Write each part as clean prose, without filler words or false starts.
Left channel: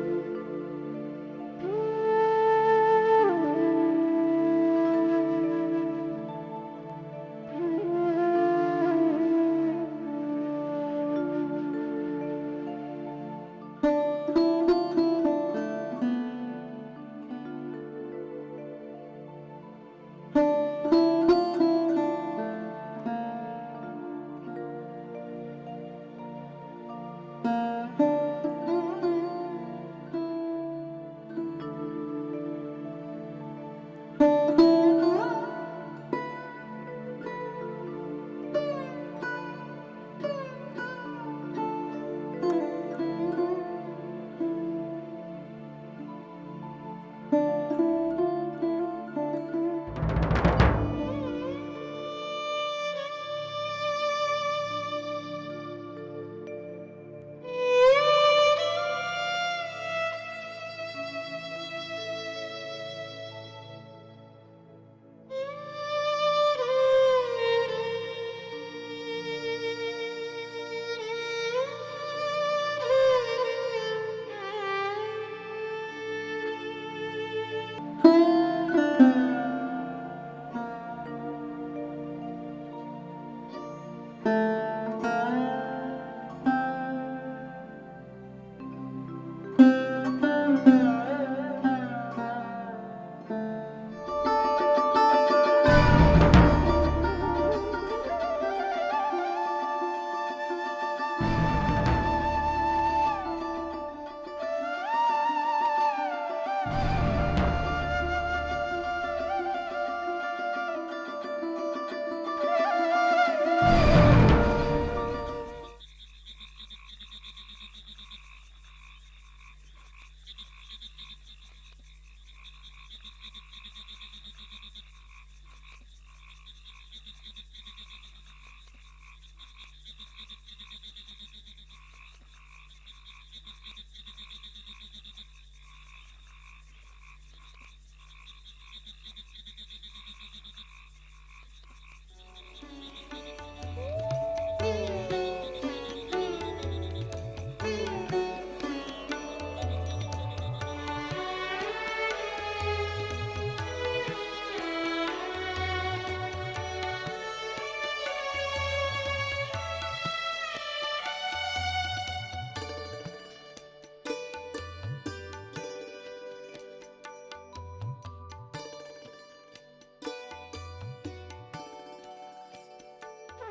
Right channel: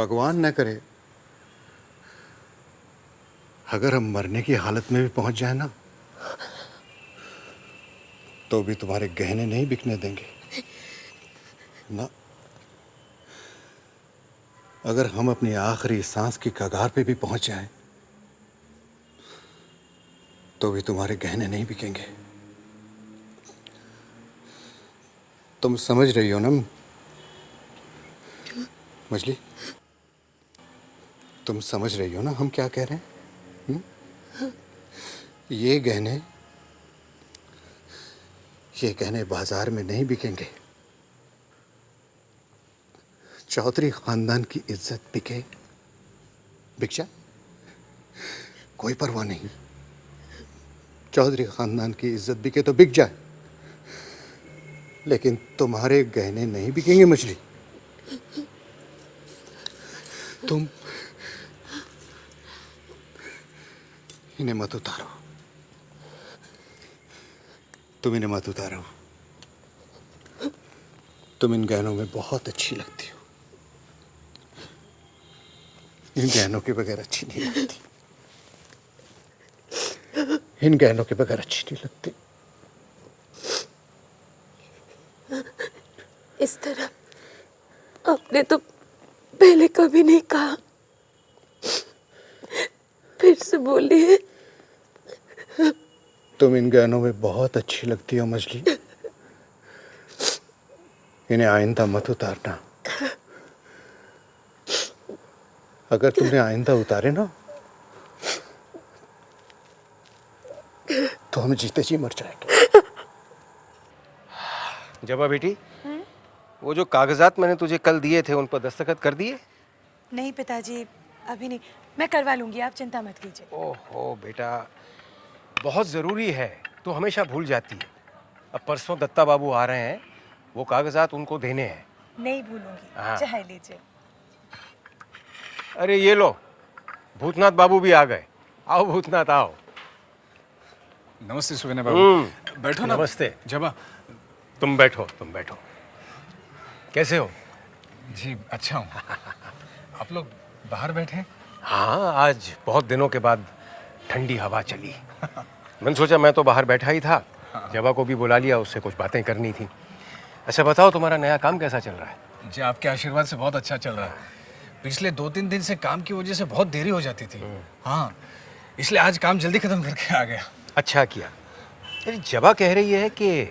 भगवान न करे अगर हम मरने की हालत में भी पहुंच जाए ना, तो भी तुम्हारे गहने नहीं बिकने देंगे ना। अगर हम अपनी आखिरी सांस की कगार पे भी पहुंच जाए, तो भी तुम्हारे गहने नहीं बिकेंगे। तुम समझ रही हो ना मछली? तुम समझ रही हो ना हम क्या कह रहे हैं? ये गहने बाजार में नहीं बिकेंगे। चौधरी खानदान की इज्जत बिके, बिक जाए, कोई परवाह नहीं। चौधरी खानदान की इज्जत बिके तो बिक जाए, लेकिन तुम्हारे गहने नहीं बिकेंगे मछली। तुम इन्हें मत उतारो, तुम इन्हें मत उतारो। तुम इन गहनों में बहुत अच्छी लगती हो। इन गहनों के बगैर अच्छी नहीं लगती। इन गहनों के बगैर अच्छी नहीं लगती। इस तरह आपने तो पहले कभी नहीं कहा, फिर से बोलिए। तुम इन गहनों में बहुत अच्छी लगती हो मछली। इन्हें आइंदा मत उतारना। अगर तुमने आइंदा उतारे ना, तो हम जीते जी मर जाएंगे। जबा बेटी, वो जो कागजात मैंने तुझे कल दिए थे उन पर दस्तखत कर दिए? नहीं पिताजी, अभी नहीं। मैं करवा लूंगी, आप चिंता मत कीजिए। ओहो बेटा, बहुत जरूरी है, तू हमेशा भूल जाती है। अब परसों दत्ता बाबू आ रहे हैं, वो कागजात उनको देने हैं। नहीं भूलूंगी। हाँ। चाहे लीजिए। अरे ये लो, भूतनाथ बाबू भी आ गए। आओ भूतनाथ आओ। नमस्ते सुगन्या बाबू। बैठो ना। नमस्ते। जबा। तुम बैठो, तुम बैठो। कैसे हो? जी अच्छा हूँ। आप लोग बाहर बैठे हैं? हाँ, आज बहुत दिनों के बाद ठंडी हवा चली। मैंने सोचा मैं तो बाहर बैठा ही था, जबा को भी बुला लिया, उससे कुछ बातें करनी थी। अच्छा बताओ, तुम्हारा नया काम कैसा चल रहा है? जी आपके आशीर्वाद से बहुत अच्छा चल रहा है। पिछले 2-3 दिन से काम की वजह से बहुत देरी हो जाती थी। हाँ, इसलिए आज काम जल्दी खत्म करके आ गया। अच्छा किया। अरे जबा कह रही है कि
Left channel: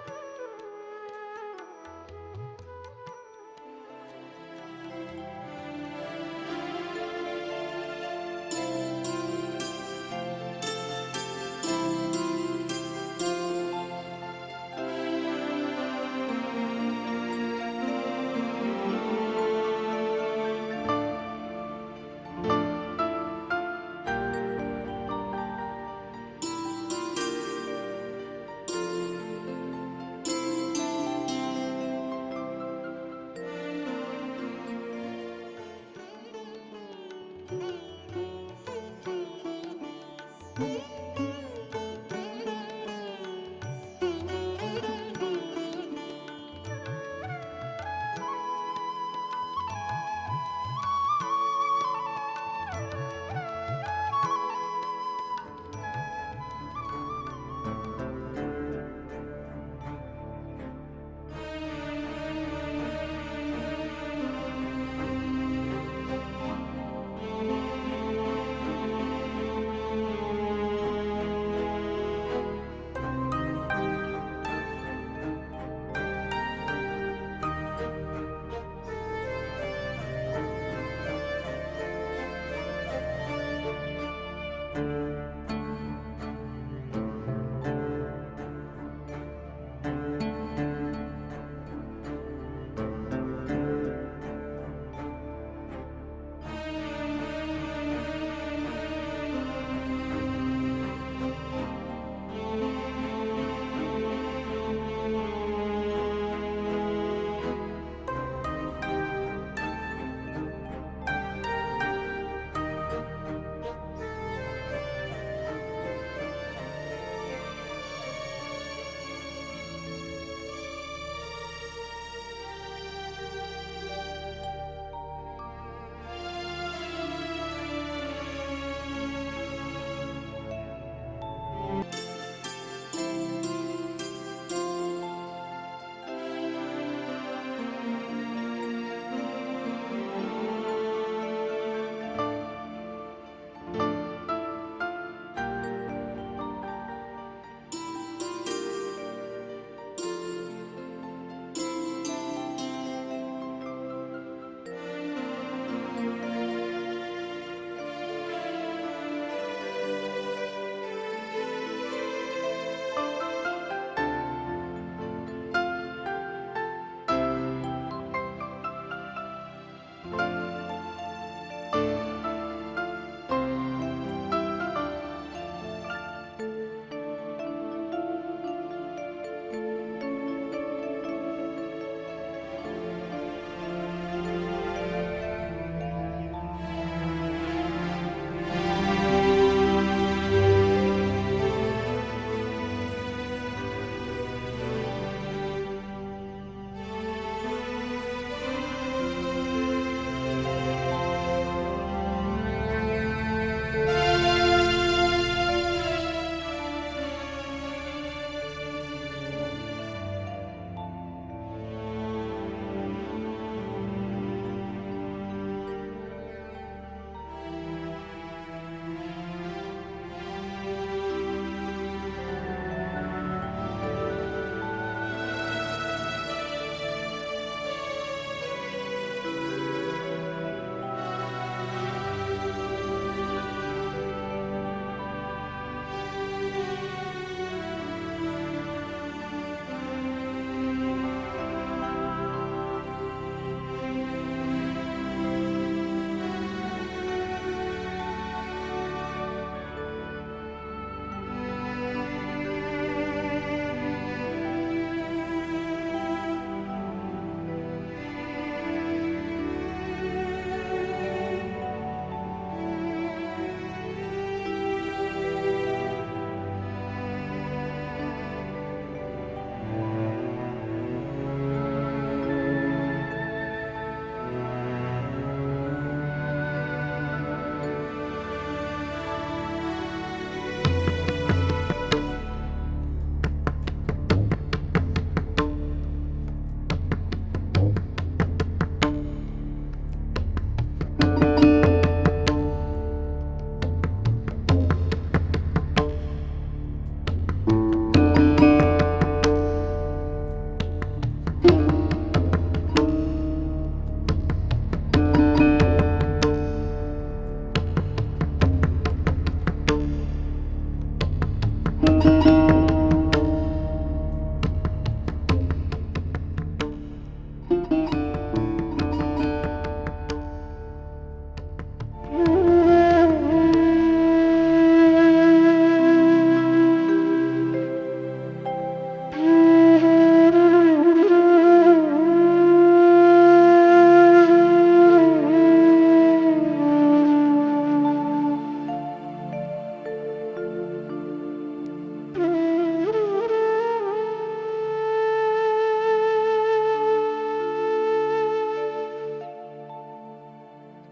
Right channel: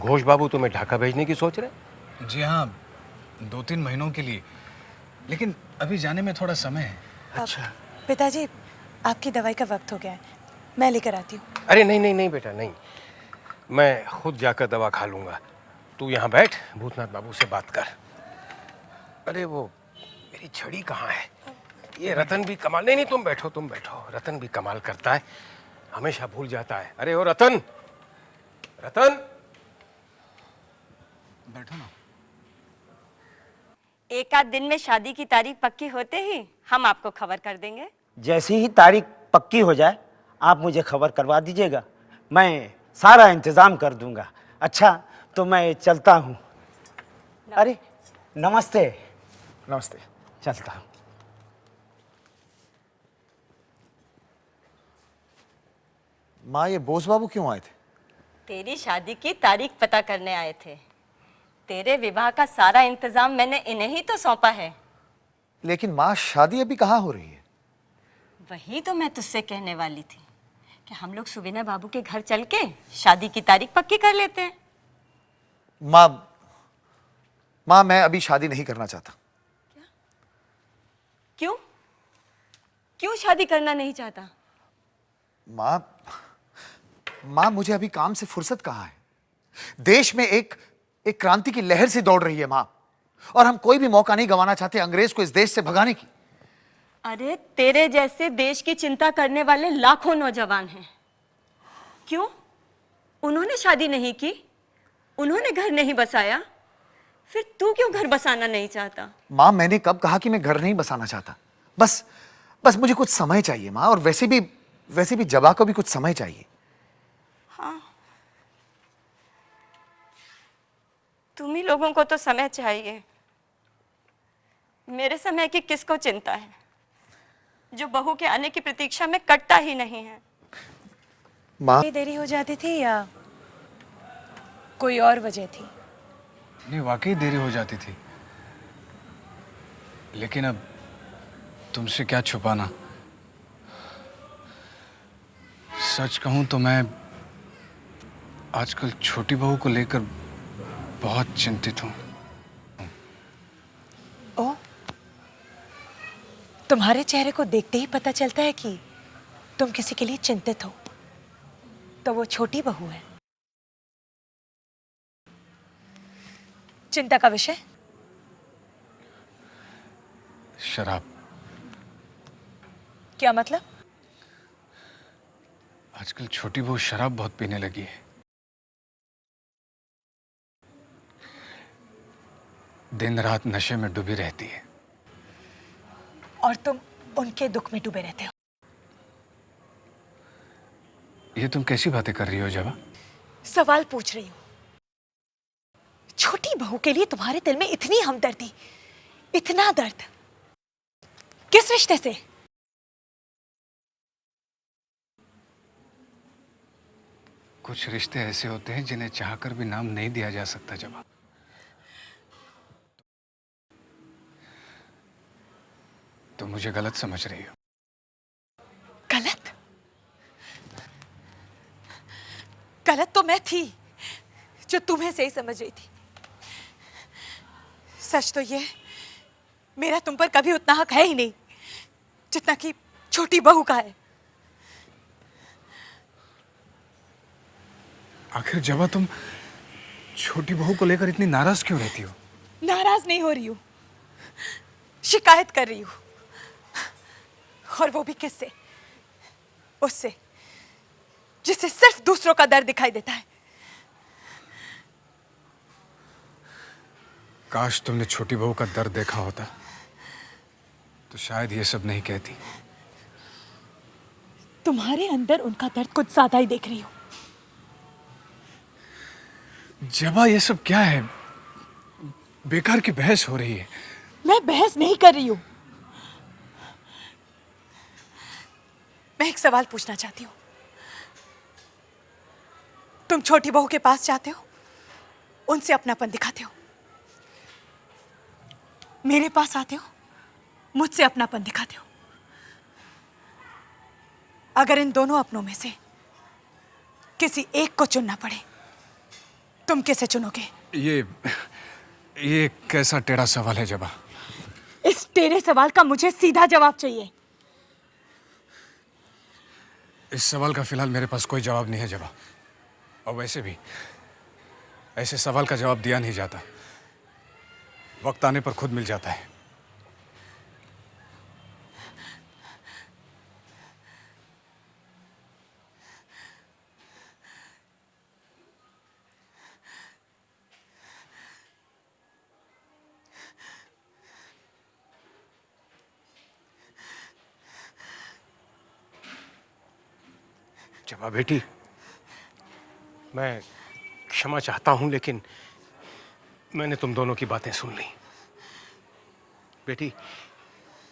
घोष बाबू तुम्हें ढाका भेजने की सोच रहे? जी हाँ, 2-3 महीनों के लिए, लेकिन अभी जाने में थोड़ा समय है। अच्छा। पिताजी, आपकी दवाई का वक्त हो गया है, मैं लेकर आती हूँ। अरे नहीं नहीं नहीं बेटा, नहीं, मैं खुद जाकर दवा खा लूंगा। तू यहाँ बैठ, भूतनाथ बाबू से बात कर। अरे वो मेरी छड़ी कहाँ है? ये रतन भी कमाल, नहीं नहीं तुम बैठो, तुम बैठो। रतन भी कमाल करता है, हमेशा भूल जाता है। अरे ओ रतन, रतन। एक आध दिन में शादी की तारीख पक्की होते ही हम आपको खबर कर देंगे। जैसी ही तारीख पक्की हो जाए आप मुझे खबर करवा दीजिएगा, मैं सारा इंतजाम कर दूंगा। अच्छा तो मैं चलता हूँ। अरे नमस्ते। नमस्ते। चलता हूँ। माँ, ये बोस बाबू क्यों आए थे? तेरी शादी की तारीख पता करने आए थे। तेरे विवाह का सारा इंतजाम मैंने इन्हें ही तो सौंपा है। लेकिन माँ, शादी अभी कहाँ हो रही है? वही तो मैं तुझसे कहने वाली थी। हम लोग सुविना बाबू के घर चल के शादी की तारीख पक्की कर लेते हैं। माँ, मैं अभी शादी नहीं करना चाहता। क्यों? क्यों शादी करना नहीं चाहता? माँ, मुझे अभी काम से फुर्सत कहाँ है? देश में एक क्रांति की लहर सी दौड़ रही है माँ, और हम कोई भी मौका नहीं गंवाना चाहते अंग्रेज को इस देश से भगाने की। अरे तेरे जैसे देश की चिंता करने वाले लाखों नौजवान हैं। क्यों? उन्होंने शादी नहीं की, उन्होंने घर नहीं बसाया, फिर तू क्यों घर बसाना नहीं चाहता? माँ, मैंने कब कहा कि मैं घर नहीं बसाना चाहता? बस मुझे कुछ समय चाहिए माँ, और वैसे भी जबा को भी कुछ समय चाहिए। हाँ। तुम्ही लोगों को तो समय चाहिए, मेरे समय की किसको चिंता है, जो बहू के आने की प्रतीक्षा में कटता ही नहीं है। माँ इतनी देरी हो जाती थी या कोई और वजह थी? नहीं, वाकई देरी हो जाती थी, लेकिन अब तुमसे क्या छुपाना। सच कहूं तो मैं आजकल छोटी बहू को लेकर बहुत चिंतित हूं। ओ, तुम्हारे चेहरे को देखते ही पता चलता है कि तुम किसी के लिए चिंतित हो। तो वो छोटी बहू है। चिंता का विषय? शराब। क्या मतलब? आजकल छोटी बहू शराब बहुत पीने लगी है। दिन रात नशे में डूबी रहती है। और तुम उनके दुख में डूबे रहते हो। ये तुम कैसी बातें कर रही हो जवा? सवाल पूछ रही हूँ। छोटी बहू के लिए तुम्हारे दिल में इतनी हमदर्दी, इतना दर्द, किस रिश्ते से? कुछ रिश्ते ऐसे होते हैं जिन्हें चाहकर भी नाम नहीं दिया जा सकता जवा। तुम मुझे गलत समझ रही हो। गलत? गलत तो मैं थी जो तुम्हें सही समझ रही थी। सच तो ये, मेरा तुम पर कभी उतना हक है ही नहीं जितना कि छोटी बहू का है। आखिर जवा तुम छोटी बहू को लेकर इतनी नाराज क्यों रहती हो? नाराज नहीं हो रही हूँ, शिकायत कर रही हूँ। और वो भी किससे? उससे जिसे सिर्फ दूसरों का दर्द दिखाई देता है। काश तुमने छोटी बहू का दर्द देखा होता तो शायद ये सब नहीं कहती। तुम्हारे अंदर उनका दर्द कुछ ज्यादा ही देख रही हूँ। जबा ये सब क्या है? बेकार की बहस हो रही है। मैं बहस नहीं कर रही हूँ। मैं एक सवाल पूछना चाहती हूँ। तुम छोटी बहू के पास जाते हो, उनसे अपनापन दिखाते हो। मेरे पास आते हो, मुझसे अपनापन दिखाते हो। अगर इन दोनों अपनों में से किसी एक को चुनना पड़े, तुम किसे चुनोगे? ये कैसा टेढ़ा सवाल है जबा? इस टेढ़े सवाल का मुझे सीधा जवाब चाहिए। इस सवाल का फिलहाल मेरे पास कोई जवाब नहीं है जबा। और वैसे भी ऐसे सवाल का जवाब दिया नहीं जाता, वक्त आने पर खुद मिल जाता है। जबा बेटी, मैं क्षमा चाहता हूं, लेकिन मैंने तुम दोनों की बातें सुन ली। बेटी,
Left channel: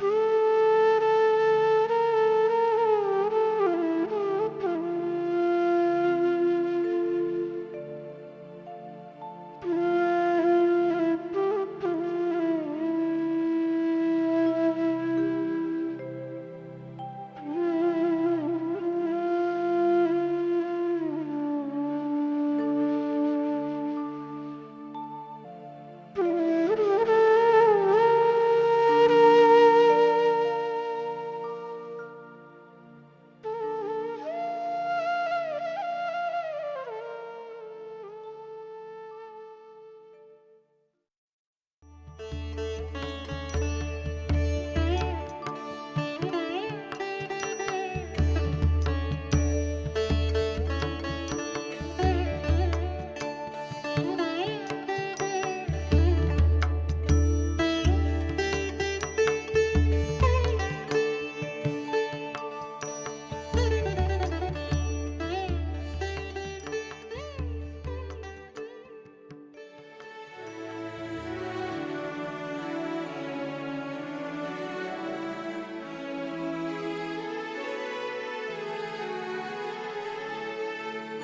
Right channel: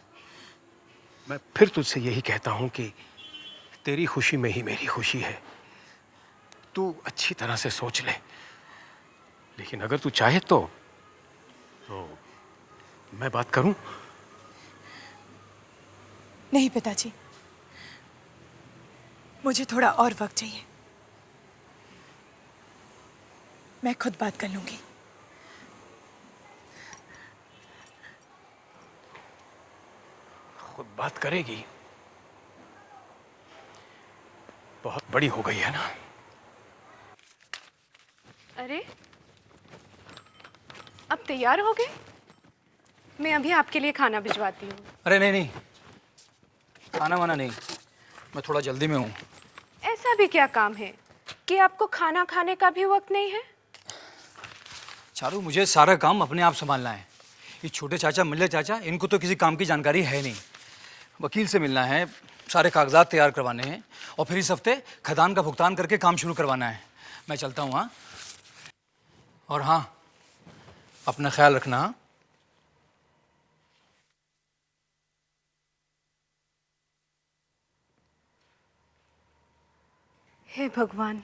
मैं फिर तुझसे यही कहता हूं कि तेरी खुशी में ही मेरी खुशी है। तू अच्छी तरह से सोच ले, लेकिन अगर तू चाहे तो मैं बात करूं? नहीं पिताजी, मुझे थोड़ा और वक्त चाहिए। मैं खुद बात कर लूंगी। खुद बात करेगी? बहुत बड़ी हो गई है ना। अरे, अब तैयार हो गए? मैं अभी आपके लिए खाना भिजवाती हूँ। अरे नहीं, खाना वाना नहीं, मैं थोड़ा जल्दी में हूँ। ऐसा भी क्या काम है कि आपको खाना खाने का भी वक्त नहीं है? चारू, मुझे सारा काम अपने आप संभालना है। ये छोटे चाचा, मिल्ले चाचा, इनको तो किसी काम की जानकारी है नहीं। वकील से मिलना है, सारे कागजात तैयार करवाने हैं, और फिर इस हफ्ते खदान का भुगतान करके काम शुरू करवाना है। मैं चलता हूँ। हाँ, और हाँ, अपना ख्याल रखना। भगवान,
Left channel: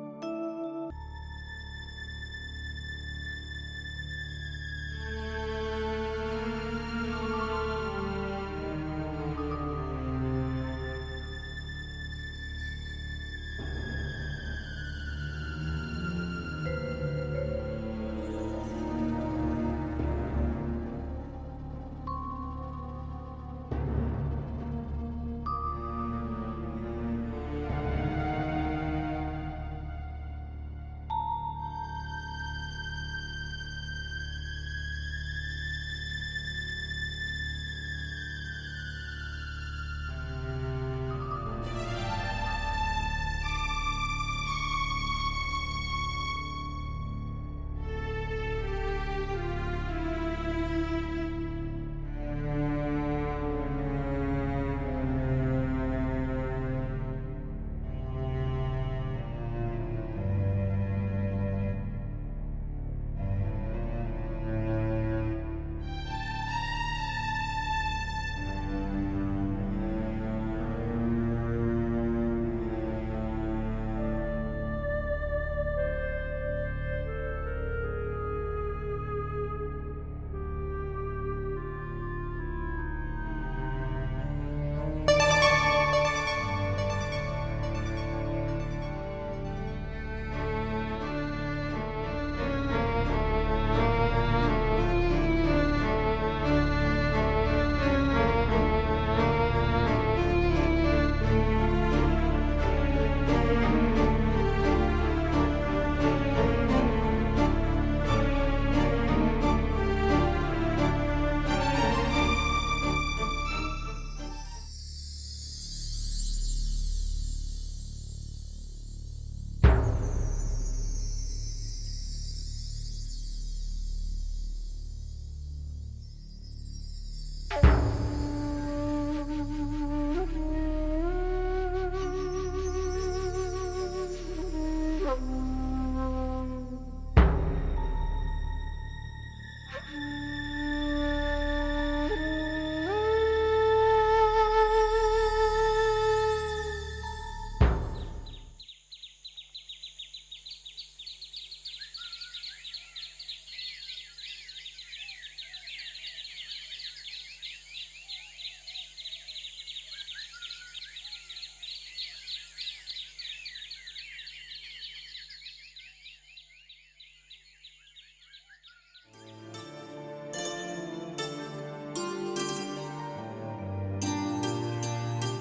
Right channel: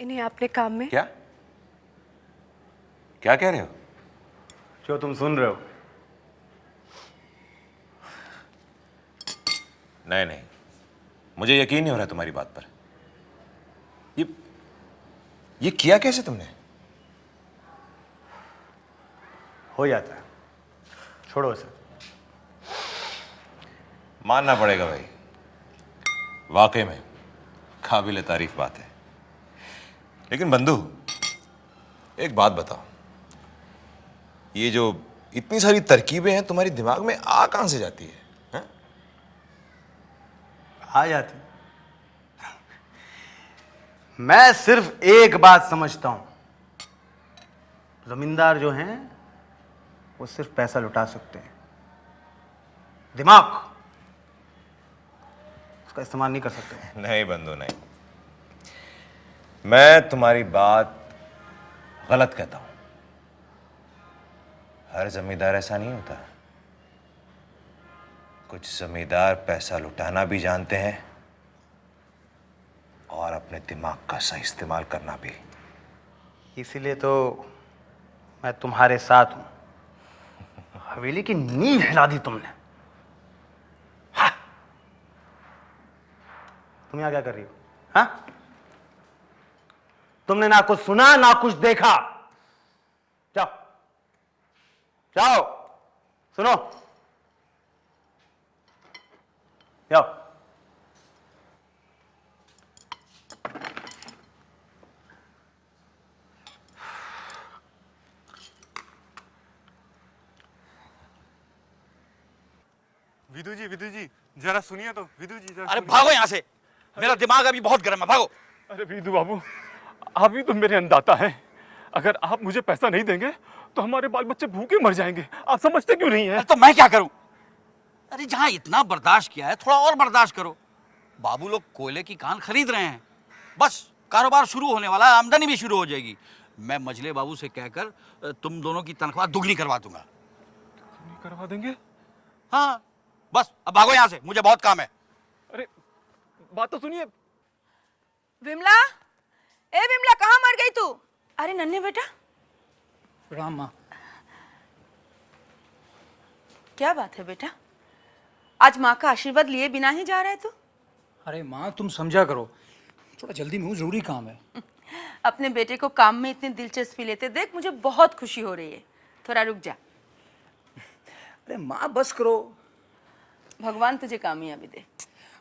इन्हें आपने काम में। क्या क्या कह रहे हो? जो तुम सुन रहे हो। नहीं नहीं, मुझे यकीन नहीं हो रहा तुम्हारी बात पर। ये किया कैसे तुमने? हो जाता है, छोड़ो इसे। मानना पड़ेगा भाई, वाकई में काबिल तारीफ बात है। लेकिन बंधु, एक बात बताओ, ये जो इतनी सारी तरकीबें हैं तुम्हारी दिमाग में आ कहां से जाती है? आ जाती। मैं सिर्फ एक बात समझता हूं, जमींदार जो हैं वो सिर्फ पैसा लुटा सकते हैं, दिमाग उसका इस्तेमाल नहीं कर सकते। नहीं बंधु नहीं, मैं तुम्हारी बात गलत कहता हूं। हर जमींदार ऐसा नहीं होता। कुछ जमींदार पैसा लुटाना भी जानते हैं और अपने दिमाग का सही इस्तेमाल करना भी। इसीलिए तो मैं तुम्हारे साथ हूं। हवेली की नींव हिला दी तुमने। हाँ। तुम यहाँ क्या कर रही हो? हाँ? तुमने ना कुछ सुना ना कुछ देखा। जाओ जाओ, सुनो, जाओ। विदु जी जरा सुनिए तो। विदु जी जरा। अरे भागो यहाँ से, मेरा दिमाग अभी बहुत गर्म है, भागो। अरे विदु बाबू, आप ही तो मेरे अन्नदाता हैं। अगर आप मुझे पैसा नहीं देंगे तो हमारे बाल बच्चे भूखे मर जाएंगे। आप समझते क्यों नहीं है? तो मैं क्या करूं? अरे जहाँ इतना बर्दाश्त किया है, थोड़ा और बर्दाश्त करो। बाबू लोग कोयले की खान खरीद रहे हैं, बस कारोबार शुरू होने वाला है, आमदनी भी शुरू हो जाएगी। मैं मजले बाबू से कहकर तुम दोनों की तनख्वाह दुगनी करवा दूंगा। करवा देंगे? हाँ, बस अब भागो यहाँ से, मुझे बहुत काम है। अरे बात तो सुनिए। विमला, ए विमला, कहाँ मर गई तू? अरे नन्हे बेटा, राम माँ। क्या बात है बेटा? आज माँ का आशीर्वाद लिए बिना ही जा रहा है तू? अरे माँ, तुम समझा करो, थोड़ा जल्दी में हूँ, जरूरी काम है। अपने बेटे को काम में इतनी दिलचस्पी लेते देख मुझे बहुत खुशी हो रही है। थोड़ा रुक जा। अरे माँ बस करो। भगवान तुझे कामयाब मिले।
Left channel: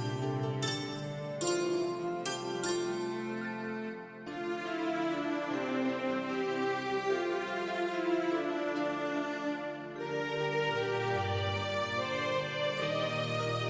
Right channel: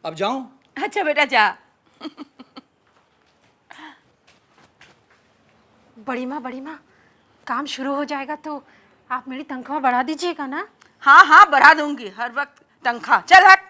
अब जाऊं? अच्छा बेटा जा। बड़ी माँ, काम शुरू हो जाएगा तो आप मेरी तनख्वाह बढ़ा दीजिएगा ना? हाँ हाँ, बढ़ा दूंगी, हर वक्त तनख्वाह। चल हट।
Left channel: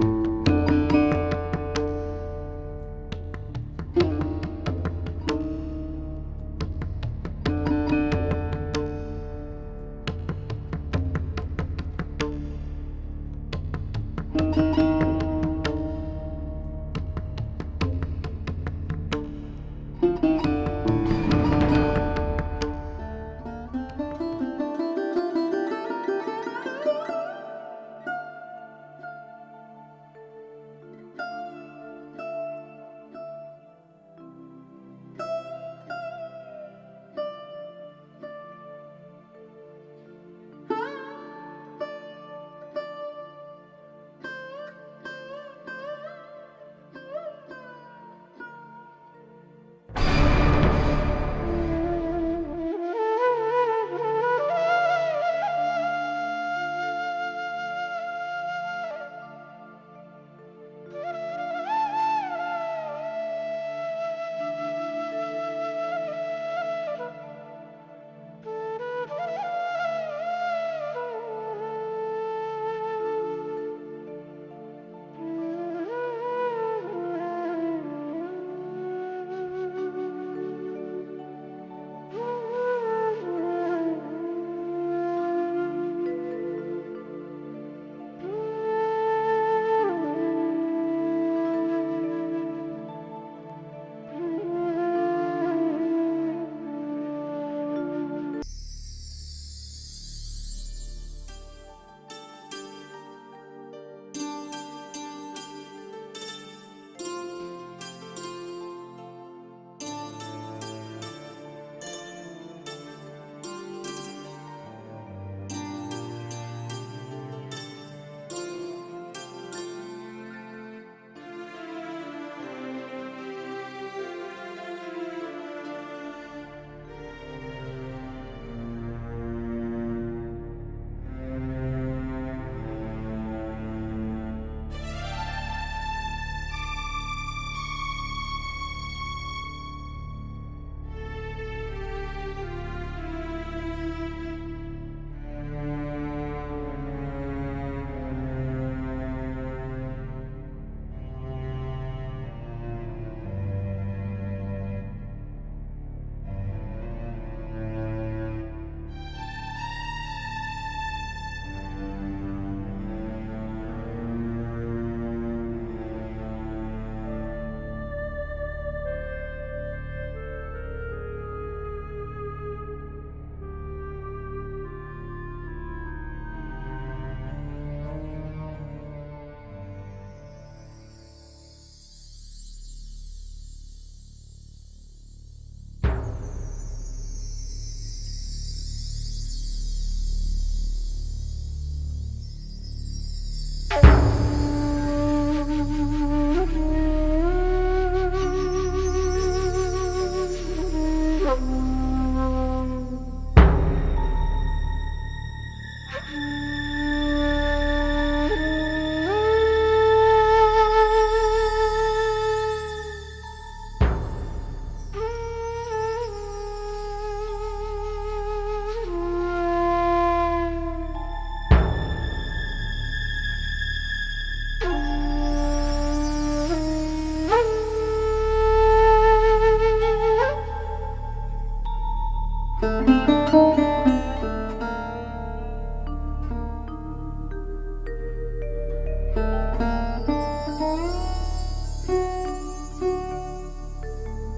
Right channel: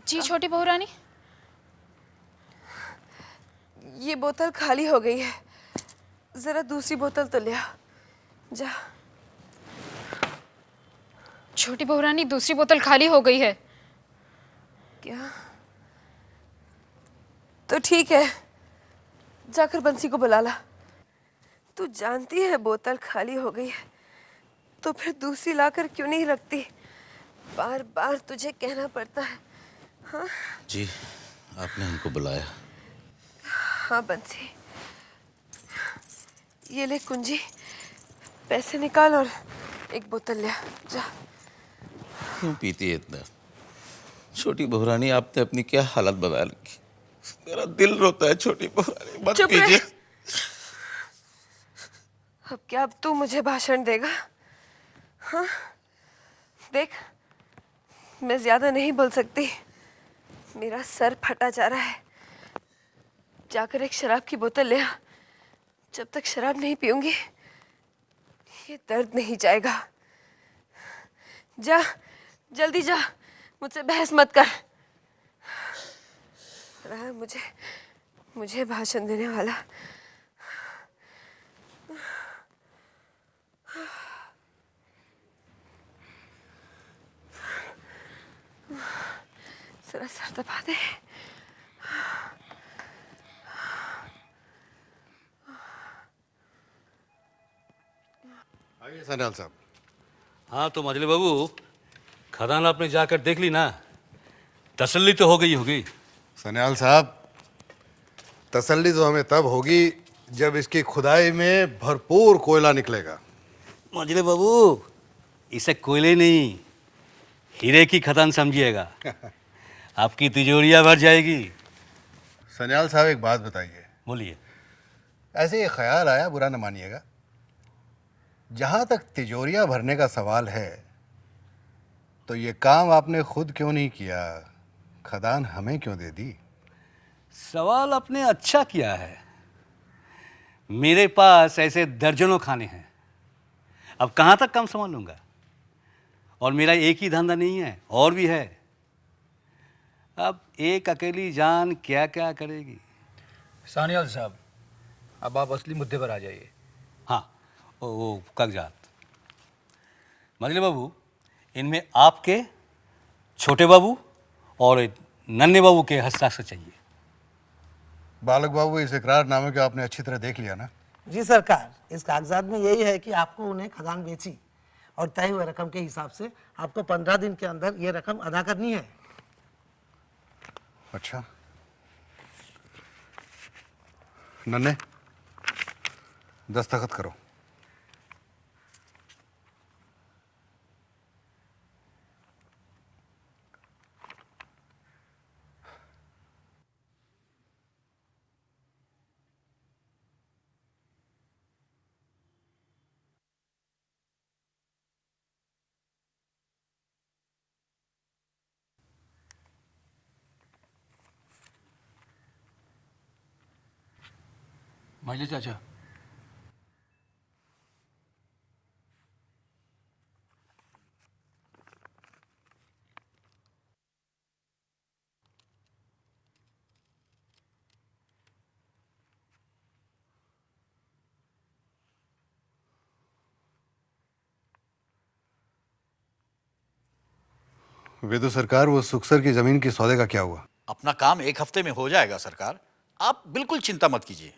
जी छोटी बहू रानी, ये बोतल खाली हो गई है, जरा दूसरी बोतल तो ले आओ। जा। छोटी बहू रानी, दूसरी बोतल खाली हो गई है। तो ठीक है, जाकर बंसी को बुला ला। तू जानती है बोतल खाली हो गई है तो फिर दूसरी लाकर क्यों नहीं रखती? बार बार तुझे कहना पड़ता है। हाँ? जी, आपने हमको बुलाया। हाँ बंसी, ये ले कुंजी, पैसे निकाल और एक बोतल ले आ। जा। क्यों पीती है इतना? छोटी बहुरानी, आपने अपनी क्या हालत बना रखी। मेरा दिल रोता है छोटी बहुरानी, मत पीजिए। अब क्या, अब तू मुझे भाषण देगा? हाँ? देख, मैं ज्यादा नहीं बोल सकती, मेरा सर फटा जा रहा है। जाकर एक शराब की बोतल ले आ। जब तक शराब नहीं पीऊंगी ये दर्द नहीं जाएगा। जा, जल्दी जा, मुझसे बहस मत कर। मुझे भाषण देने वाला। जरा सर दबा दे। सन्याल साहब, हाँ तो मजले बाबू, खदान आपने जाकर देख ली ना, तसल्ली तो हो गई होगी। सन्याल साहब, तसल्ली तो हमें तब होगी जब इसकी खुदाई में भरपूर कोयला निकलेगा। मजले बाबू, इसे कोयले नहीं, हीरे की खदान समझिएगा। आपकी तिजोरियां भर जाएगी। सन्याल साहब, एक बात बताइए। बोलिए। ऐसे ये ख्याल आया, बुरा न मानिएगा, जहां तक तिजोरियां भरने का सवाल है तो ये काम आपने खुद क्यों नहीं किया? खदान हमें क्यों दे दी? सवाल आपने अच्छा किया है। मेरे पास ऐसे दर्जनों खाने हैं, अब कहां तक काम संभालूंगा? और मेरा एक ही धंधा नहीं है, और भी है। अब एक अकेली जान क्या क्या करेगी? सानियाल साहब, अब आप असली मुद्दे पर आ जाइए। हाँ, वो कागजात। मजले बाबू, इनमें आपके, छोटे बाबू और नन्हे बाबू के हस्ताक्षर चाहिए। बालक बाबू, इस इकरारनामे को आपने अच्छी तरह देख लिया ना? जी सरकार, इस कागजात में यही है कि आपको उन्हें खदान बेची और तय हुए रकम के हिसाब से आपको 15 दिन के अंदर ये रकम अदा करनी है। अच्छा, नन्हे, दस्तखत करो। वेदु सरकार, वो सुखसर की जमीन की सौदे का क्या हुआ? अपना काम एक हफ्ते में हो जाएगा सरकार, आप बिल्कुल चिंता मत कीजिए।